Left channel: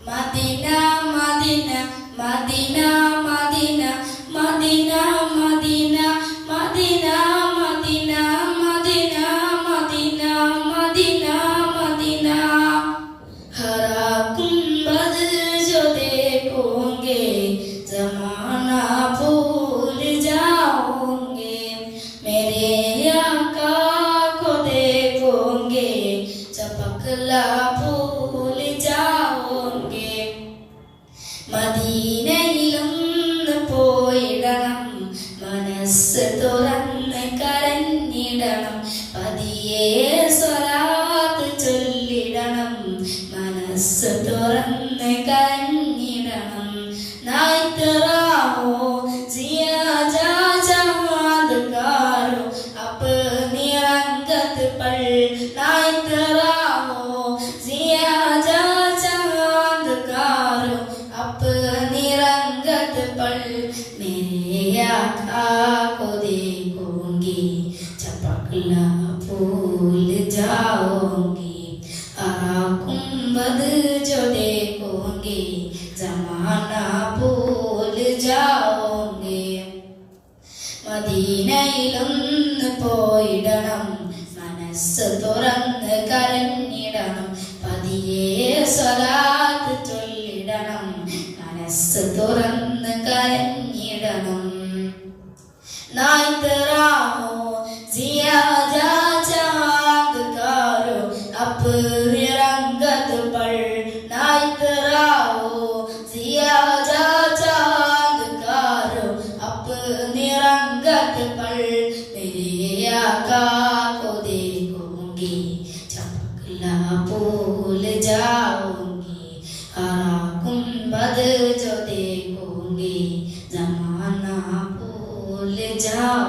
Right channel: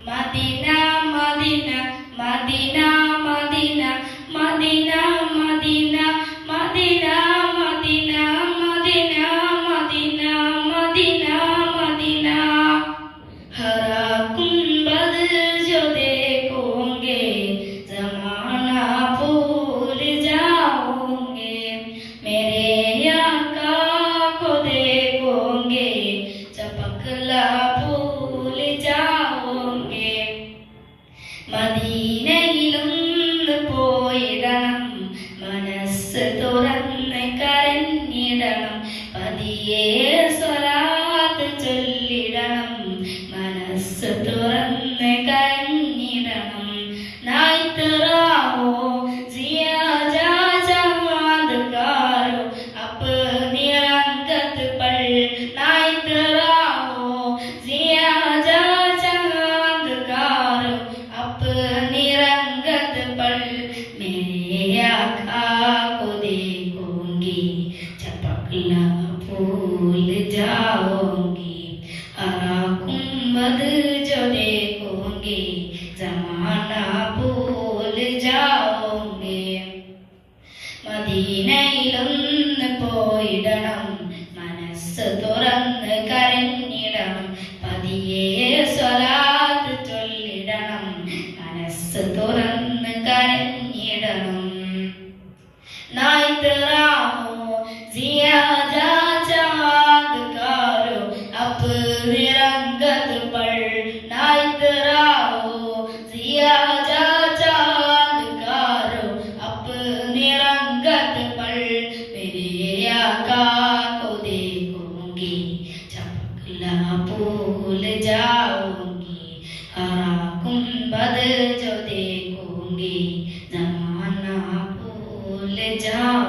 Medina Madina Madina Madina Madina Madina Madina Madina Madina Madina Madina Madina हरा गुंबद जो देखोगे जमाना भूल जाओगे मेरे आका को देखोगे चपकला भूल जाओगे മദീനയിലൊന്ന് പോയിടണം മനസ്സ് തുറന്ന് കരഞ്ഞിടണം പതിയെ സ്വലാത്ത് ചൊല്ലിടണം മനസ്സ് തുറന്ന് കരഞ്ഞിടണം നായിത്തറാവോ സിയാജാ ചാന്ദ്കാരോ अपनी रंगत पर नाइतराओ सियाजा चमत्कारो अपनी रंगत पर मेरे आका को देखूंगी चपकला भूल जाऊंगी हरा गुंबद जो देखूंगी जमाना भूल जाऊंगी മദീനയിലൊന്ന് പോയിടണം മനസ്സ് തുറന്ന് കരഞ്ഞിടണം പതിയെ സ്വലാത്ത് ചൊല്ലിടണം മനസ്സ് തുറന്ന് കരഞ്ഞിടണം നായിത്തറാമോ സിയാജാ ചാന്ദ്കാരോ अपनी रंगत पर नाइतराओ सियाजा चमत्कारो अपनी रंगत पर मेरे आका को देखूंगी चपकला भूल जाऊंगी हरा गुंबद जो देखूंगी जमाना भूल जाऊंगी